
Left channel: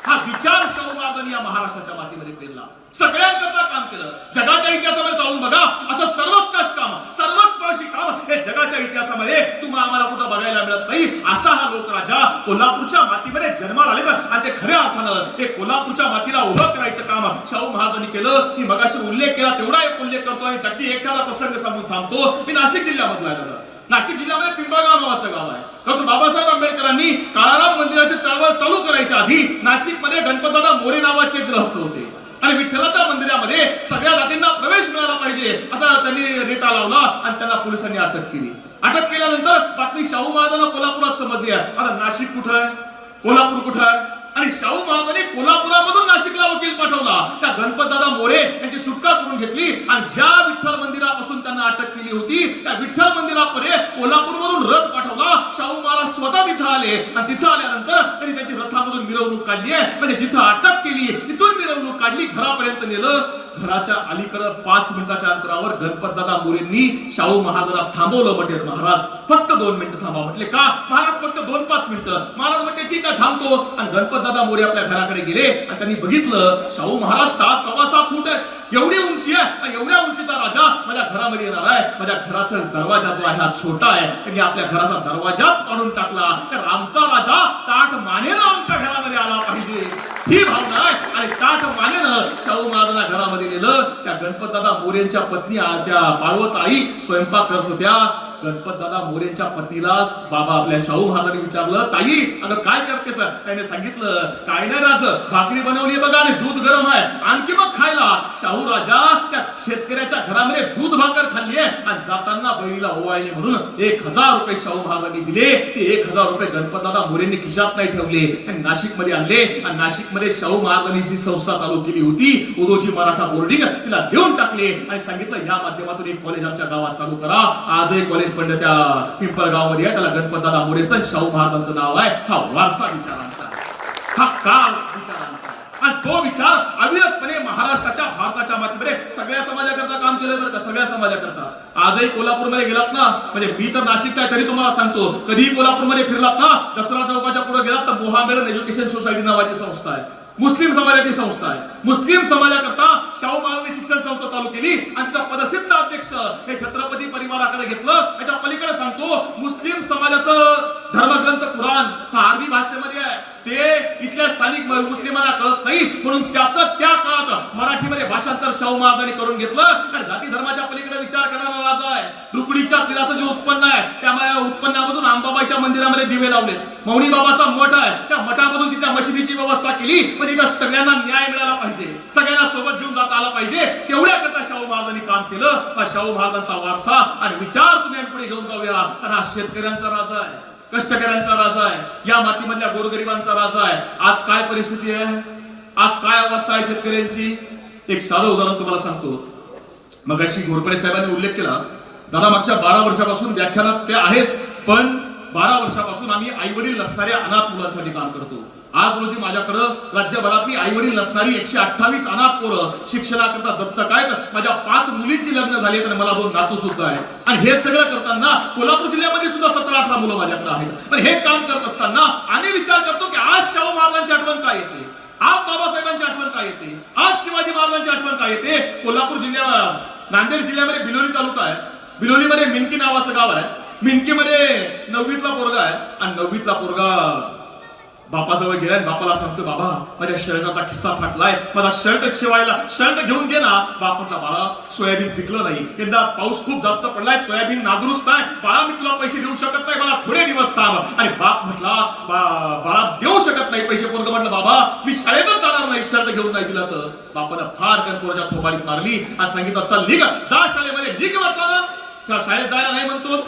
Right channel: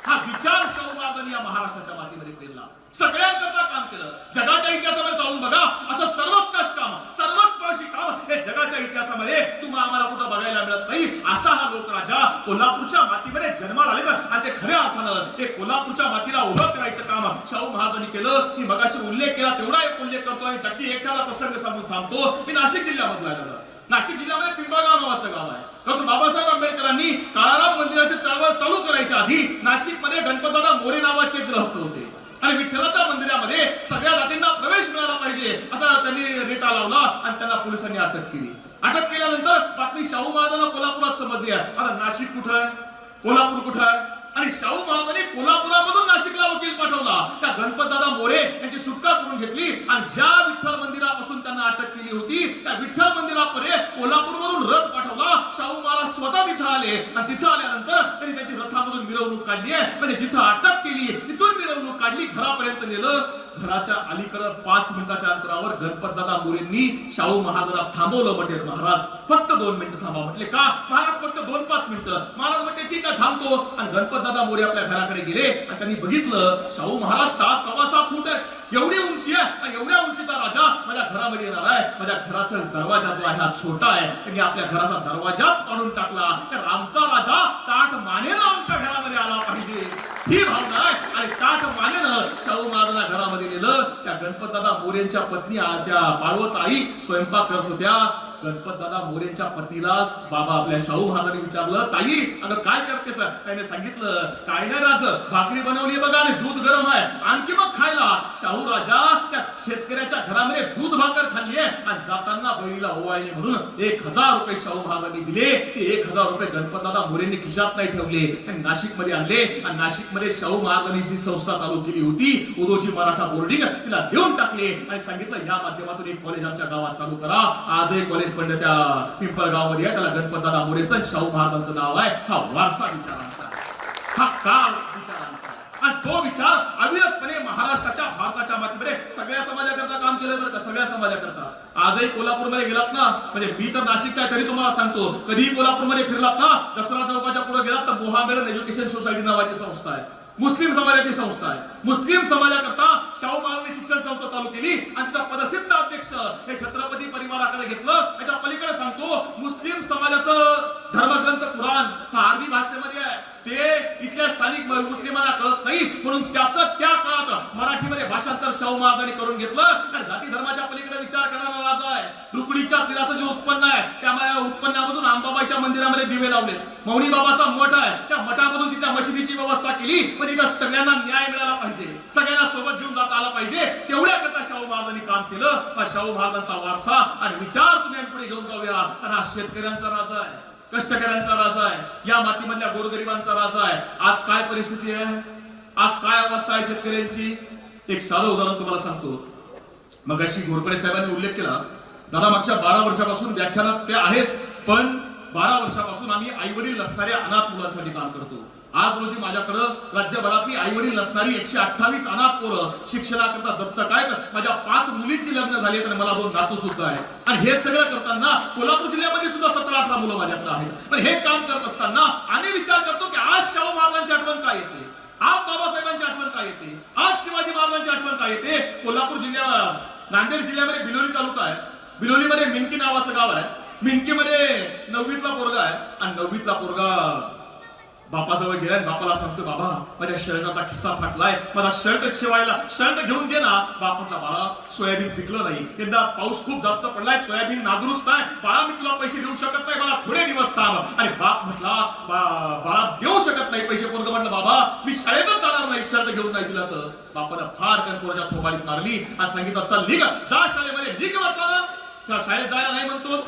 हा विचार शाहू या महाराष्ट्राच्या मातीमध्ये पेरला सगळ्यांकरता काम केलं. जगाच्या इतिहासामध्ये जाऊन बघा. असं सर्वस्कष काम सर्वस्पर्शी काम हे जगाच्या इतिहासामध्ये तुम्हाला आम्हाला कुठं बघायला मिळत नाही. असा हा लोकराजा कोल्हापूरच्या मातीमध्ये जन्माला आले आणि ते खऱ्या अर्थानं हे कोल्हापूरच्या मातीला उभं करायचं काम शाहू महाराजांनी केलं. मी मगाशी उल्लेख केला तेवढा एक उल्लेख करतो आणि नक्की एखादा प्रसंग सांगून थांबतो. मी नाशिक जिल्ह्यामधला आहे नाशिक जिल्ह्यामध्ये पिंपळगाव नावाचं गाव आहे. डॉक्टर बाबासाहेब आंबेडकरांनी काळाराम मंदिराची चळवळ चालू करायच्या आधी नाशिकमध्ये गणपतदादा मोरे नावाचे ग्रहस्थ होते. आणि विठ्ठलाच्या मंदिरामध्ये सगळ्या जातींना प्रवेश मिळाला पाहिजे असा त्यांनी रेटा लावला आणि त्यांना पोलिसांनी अटक केली. अटक केल्यानंतर बातमी शाहू महाराजांना कोल्हापुरात समजली आहे. आता नाशिक कुठं आहे? कोल्हापूर कुठं आहे? आणि शाहू महाराजांनी कोल्हापुरामधून नाशिकला वकील पाठवला. त्या गणपतदादा मोरे यांची सुटका करून घेतली आणि ज्या विठ्ठल मंदिरापासून त्यांना अटक केली होती त्या विठ्ठल मंदिरापर्यंत कोल्हापूरमधून रथ पाठवला. शाहू महाराज स्वतः तिथं आले आणि तिथं आल्यानंतर त्यांनी त्यांची रथामधून मिरवणूक काढली आहे. म्हणजे जिथं अटक केली तिथून मिरवणूक काढली घरापर्यंत नेलं. घराच्या अलीकडं पाच मिनिटाच्या अंतरावर गणपतदादा मोरेंनी शाहू महाराजांना थांबवलं म्हणजे महाराज फक्त दोन मिनिटं थांबा म्हटले का? महाराज फक्त दोन पाच मिनिटं. महाराज म्हटले ठीक आहे थांबतो. आणि गणपतदादा मोरे आपल्या घराकडे गेले आणि त्यांनी बघितलं शाहू महाराज सहा सव्वा सहा फूट आहे. एवढी उंची आहे. एवढ्या उंचीचा राजा माझ्या घरामध्ये येणार आहे. माझ्या घराचा दरवाजा जो आहे हा छोटा आहे. त्यांनी आपल्या घराचा दरवाजाच काढून टाकला. तर आमचा राजा ताट मानेनं आमच्या घरामध्ये आला पाहिजे. ही भावना आहे. आणि ताट मानेनं शाहू महाराजांना घरामध्ये नेलं. त्या गणपतदादा मोरेंच्या पत्नी आ- त्या पार्वत आई स्वयंपाक करत होत्या. गणपतदादा मोरेंच्या पत्नीला बाबा आपल्या शाहू महाराजांनी विचारलं ताई अगं काय करते सर? त्याने सांगितलं काय नाही राज भाकरी बनवली बघा आणि दूध गरम आहे. आणखी मग खायला. शाहू राजा त्या शेतकऱ्याच्या घरामध्ये दूध भाकर खाल्ली आहे आणि जाताना बहिणीला ओवाळली म्हणून एक हजार रुपये शाहू महाराजांनी दिले. ते एक हजार रुपये गणपतदादा मोरेंनी खिशात नाही ठेवले. आणि नाशिकमध्ये आणले आणि नाशिकमध्ये शाहू महाराजांनी जी संस्था चालू केली होती उदोजी मराठा बोर्डिंग तिला देऊन टाकले आणि सांगितलं या माध्यमातून एक कॉलेज आमच्या गावात चालू करा. आज एक कॉलेज पंडित त्या पिंपळगावमध्ये त्याला गणपतदादा मोरेचं शाहू महाराजांचं नाव आहे. हा वारसा विचारांचा हा काळ विचारांचा आणि तो विचार अविरतपणे महाराष्ट्राच्या भारताच्या मातीमध्ये सगळ्या समाजाकरता काम केलं बरं का? सगळ्या समाजाकरता. आजही कोल्हापूरमध्ये गेलात ना? म्हणजे मी तर नाशिक काय तरी तुम्हाला सांगतो. कधीही कोल्हापूरमध्ये फिरलात ना? दसरा चौकाच्या पुढे गेलात तर मोहामेडन एज्युकेशन सोसायटी नावाची संस्था आहे. मुस्लिम समाजाची संस्था आहे. मुस्लिम समाजाकरता शाहू महाराजांनी शिक्षण संस्था चालू केली आणि तिचा पदसिद्ध अध्यक्ष हे छत्रपती परिवाराकडे घेतलं. याच्या पलीकडे सांगतो मुस्लिम समाजाचं धर्मग्रंथ कुराण अरबी भाषेमध्ये आहे. ते इथल्या स्थानिक मुस्लिमांना कळत नाही म्हणून त्याचं त्या काळात मराठीमध्ये भाषांतर शाहू महाराजांनी करून घेतलं. आणि जाती धर्माच्या पलीकडे विचार करणारा राजा आहे. रुकडीच्या पिलाचं जे उत्पन्न आहे त्या उत्पन्नामधून आंबाबाईच्या मंदिरामध्ये दिवे लावले मौनी बाबाचा मठ आहे. त्या मठामधून तिथल्या मशिदीची व्यवस्था केली. पण इथं सगळ्यांना न्याय मिळाला पाहिजे. सगळ्यांना सोबत घेऊन जाता आला पाहिजे. तेवढ्या करता शाहू महाराजांनी काम केलं. हा शाहू महाराजांचा वारसा आणि विचार तुम्ही पुढे घेऊन जाऊया. आणि हा शेतकऱ्यांचा राजा आहे. कष्टकऱ्यांचा राजा आहे. या मातीमधल्या गोरगरिबांचा राजा आहे. आज काय परिस्थिती आहे? आज काय अवस्था आहे शेतकऱ्यांची? एक साधं उदाहरण तुम्हाला सांगतो. मग अशी घोरपडे साहेबांनी उल्लेख केला. दादा मागच्या बारा वर्षापासून व्याख्यानात ते आहेच पण बारा वर्षापासून आम्ही आई वडील नसणाऱ्या अनाथ मुलांसाठी काम करतो. आज रोजी माझ्याकडं राज्यभरातली आई वडील नसणारी एकशे अठ्ठावीस अनाथ पोरं शिक्षणाकरता दत्तक आहेत. माझ्या पाच मुलींची लग्न झाली तर मला दोन नातू सुद्धा आहेत. आणि हे सगळं करताना कोल्हापूर जिल्ह्यामध्ये सुद्धा सतरा अठरा मुलं माझ्याकडे आहेत. पण हे काम करत असताना आम्ही विचार करतो की आज शाहू महाराजांची आठवण काय येते? आज बाबासाहेबांची आठवण काय येते? आज शिवाजी महाराजांची आठवण काय येते? कोल्हापूर जिल्ह्या नांदेड जिल्ह्यामध्ये बिलोली तालुका आहे. बिलोलीमध्ये मिनकी नावाचं गाव आहे. मिनकीमध्ये नववीतला पोरगा आहे. आणि नववीतला पोरगा बापाजवळ गेलाय आणि बापाला सांगतो बाबा माझ्या शर्टाचा खिस्सा फाटलाय. माझा शर्ट शिवायला शर्ट घेऊन घे ना. बाप म्हटला बाळा सोयाबीन पिकलं नाही. यंदा पाऊस खूप जास्त पडलाय सोयाबीन नादुरुस्त आहे. बाळा मी तुला पैसे देऊ शकत नाही. बाळा थोडे दिवस थांब. आणि बाप म्हटला "बा- बाळा देऊ शकत नाही पैसे. पोरग म्हटलं बाबा मी शाळेतच जाणार नाही. शर्ट घेऊन नाही दिला तर. बापानं फार कर पोराच्या थोबाडीत मारली आणि सांगितलं चल निघ. जा शाळेमध्ये. निघ म्हटलं ना. त्या शाळेत जायला नाही म्हणतोस.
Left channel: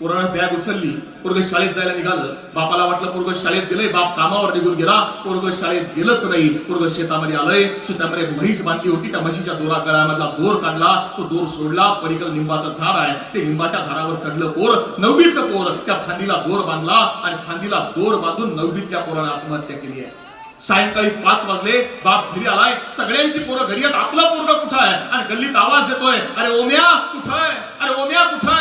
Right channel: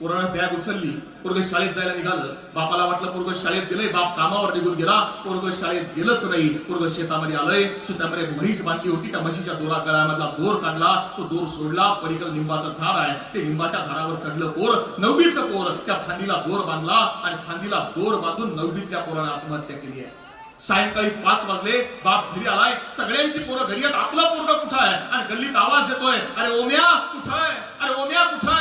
पोरानं बॅग उचलली पोरग शाळेत जायला निघालं. बापाला वाटलं पोरग शाळेत गेलंय बाप कामावर निघून गेला. पोरग शाळेत गेलंच नाही. पोरग शेतामध्ये आलंय शेतामध्ये म्हैस बांधली होती. त्या म्हशीच्या दोरा गळ्यामधला दोर काढला. तो दोर सोडला. पलीकडे लिंबाचं झाड आहे. ते लिंबाच्या झाडावर चढलं पोर नववीचं पोर. त्या फांदीला दोर बांधला आणि फांदीला दोर बांधून नववीतल्या पोरानं आत्महत्या केली आहे. सायंकाळी पाच वाजले. बाप घरी आलाय. सगळ्यांची पोरं घरी आहेत. आपला पोरगा कुठं आहे? आणि गल्लीत आवाज देतोय. अरे ओम्या कुठं आहे? अरे ओम्या कुठं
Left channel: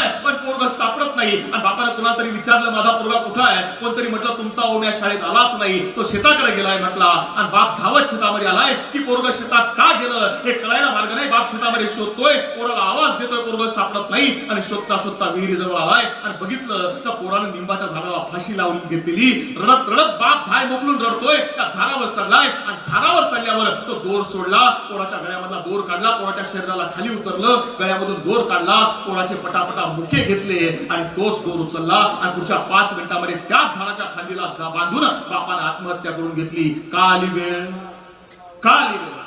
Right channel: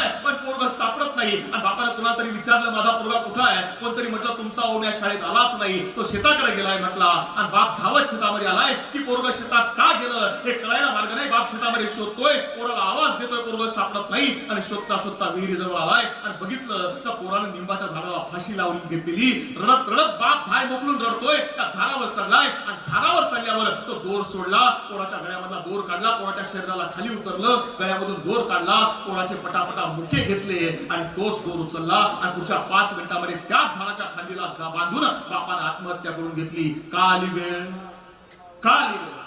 सापडत नाही. आणि बापाला कुणाला तरी विचारलं माझा पोरगा कुठं आहे? कोणतरी म्हटलं तुमचा ओम्या शाळेत आलाच नाही. तो शेताकडे गेलाय म्हटला. आणि बाप धावत शेतामध्ये आलाय. की पोरग शेतात का गेलं? हे कळायला मार्ग नाही. बाप शेतामध्ये शोधतोय. पोराला आवाज देतोय. पोरग सापडत नाही. आणि शोधता शोधता विहिरी जवळ आलाय. आणि बघितलं तर पोरानं निंबाच्या झाडाला फाशी लावून घेतलेली. रडत रडत बाप धाय मोकलून रडतोय. त्या झाडावर चढलाय. आणि झाडावर चढल्यावर तो दोर सोडला. पोराच्या गळ्यामधला दोर काढला. पोराच्या शरीराला खाली उतरलं. गळ्यामधून दोर काढला. पोराचे पटापटा मुखे घेतले. आणि तोच दोर उचलला आणि पुढच्या पाच मिनिटांमध्ये त्याच झाडाच्या खांदीला बांधून बापानं आत्महत्या करून घेतली. काली वेळ? काली वेळ?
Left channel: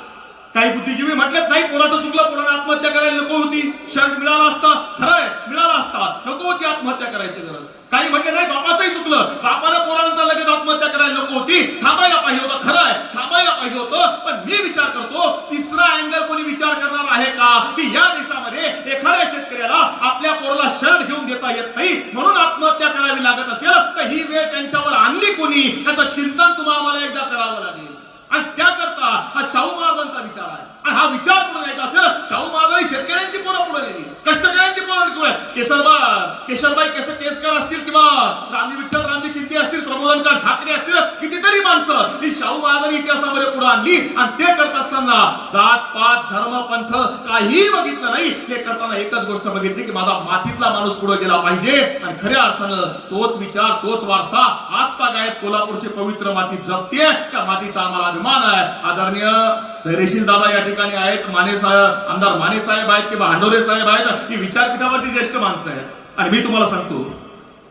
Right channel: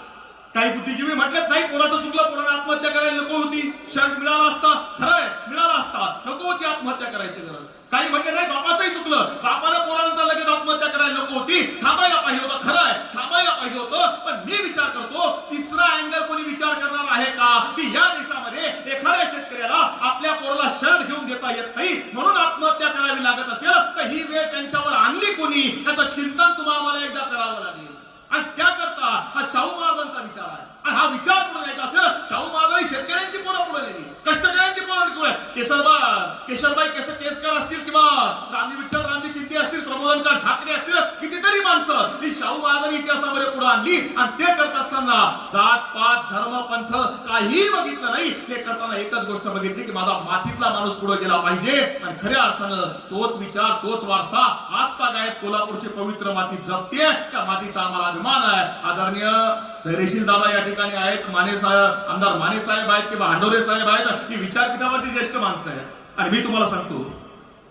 काही बुद्धिजीवी म्हटलेत नाही पोराचं चुकलं पोरानं आत्महत्या करायला नको होती. शर्ट मिळाला असता. खरंय मिळाला असता. नको होती आत्महत्या करायची गरज. काही म्हटलं नाही बापाचंही चुकलं. बापाला पोरानंतर लगेच आत्महत्या करायला नको होती. थांबायला पाहिजे होतं खरंय. थांबायला पाहिजे होतं. पण मी विचार करतो तिसरा अँगल कोणी विचार करणार आहे का? की या देशामध्ये एखाद्या शेतकऱ्याला आपल्या पोराला शर्ट घेऊन देता येत नाही म्हणून आत्महत्या करावी लागत असेल तर ही वेळ त्यांच्यावर आणली कोणी? त्याचं चिंतन तुम्हाला एकदा करावं लागेल. आणि त्याकरता हा शाहू महाराजांचा विचार आहे. आणि हा विचार पुढे न्यायचा असेल शाहू महाराजांनी शेतकऱ्यांची पोरं पुढे नेली कष्टकऱ्यांची पोरं पुढे केसरबा केशरबाई केस केसकर असतील किंवा रामजी विठ्ठल रामजी शिंदे असतील प्रमोदनकर ठाकरे असतील कितीतरी माणसं ही शाहू महाराजांनी इतिहासामध्ये पुढे आणली आणि ते करत असताना जात पात धर्म पंथ काही बघितलं नाही. ते करताना एकच गोष्ट बघितली की माझा मातीतला माणूस पुढे गेला पाहिजे आणि खऱ्या अर्थानं तोच विचार तोच वारसा आज गायब कोल्हापूरची पवित्र माती जपते त्या मातीचा आम्हाला अभिमान आहे. आदरणीय तहसीलदारला या ठिकाणी आहेत. माने साहेब आमदार माने साहेब आहेत किंवा हांडोरे साहेब आहेत. ही विचारपीठावरती ज्येष्ठ माणसं आहेत. आणि मी तुम्हाला सांगतो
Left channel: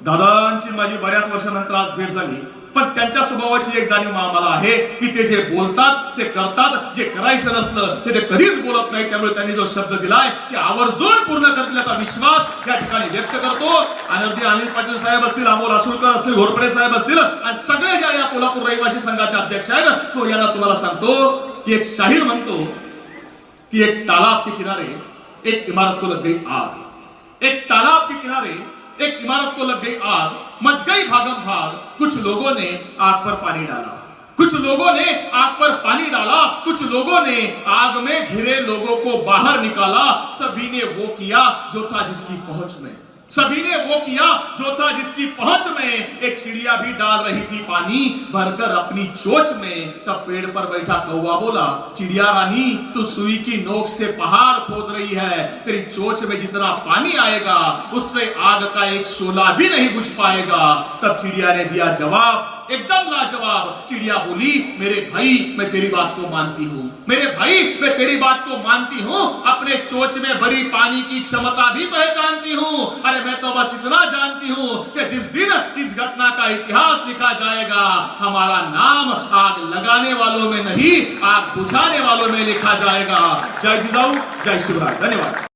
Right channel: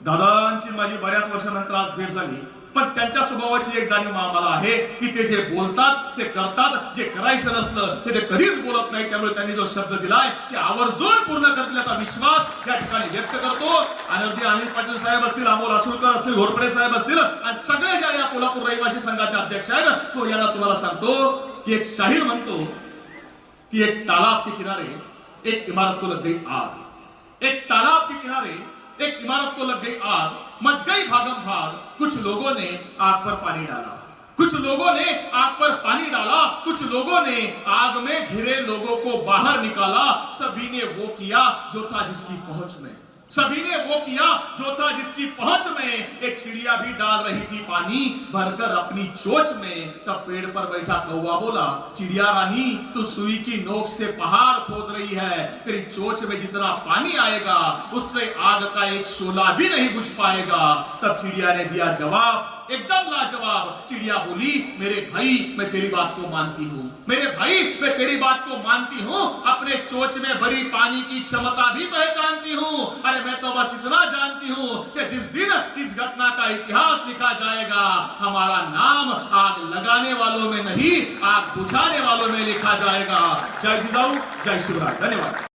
दादांची माझी बऱ्याच वर्षानंतर आज भेट झाली. पण त्यांच्या स्वभावाची एक जाणीव आम्हाला आहे की ते जे बोलतात ते करतात. जे करायचं नसलं ते ते कधीच बोलत नाही त्यामुळे त्यांनी जो शब्द दिलाय की आवर्जून पूर्ण करतील विश्वास या ठिकाणी व्यक्त करतो. आणि अगदी अनिल पाटील साहेब असतील अमोल असुलकर असतील घोरपडे साहेब असतील आणि सगळे ज्या या कोल्हापूर रहिवासी संघाचे अध्यक्ष आहेत तो यांना तुम्हाला सांगतो की एक शाहीर म्हणतो की एक तालाब के किनारे एक इमारत को लग गई आग. एक तालाब के किनारे एक इमारत को लग गई आग. मच गई भागम भाग, कुछ लोगों ने आग पर पानी डाला। कुछ लोगों ने आग पर पानी डाला, कुछ लोगों ने आग में घिरे लोगों को बाहर निकाला। सभी ने वो किया जो था जिसकी पहुँच में। सभी ने वो किया जो था जिसकी पहुँच में एक चिड़िया भी डाल रही थी पानी। भरकर अपनी चोच में तब पेड़ पर बैठा कौवा बोला, चिड़िया रानी, तू सुई की नोक से पहाड़ खोद रही है। तेरी चोच में जितना पानी आएगा, उससे आग का एक शोला भी नहीं बुझ पाएगा। तब चिड़िया ने दिया जवाब एकदम लाजवाब। चिड़िया बोली, मेरे भाई, मैं तेरी बात को मानती हूँ। मेरे भाई, मैं तेरी बात को मानती हूँ। अपने चोच में भरी पानी की क्षमता भी पहचानती हूँ। अरे, मैं तो बस इतना जानती हूँ कि जिस दिन इस घटना का इतिहास लिखा जाएगा, हमारा नाम आग लगाने वालों में नहीं, आग बुझाने वालों में लिखा जाएगा। जय जिजाऊ, जय शिवराज धन्यवाद।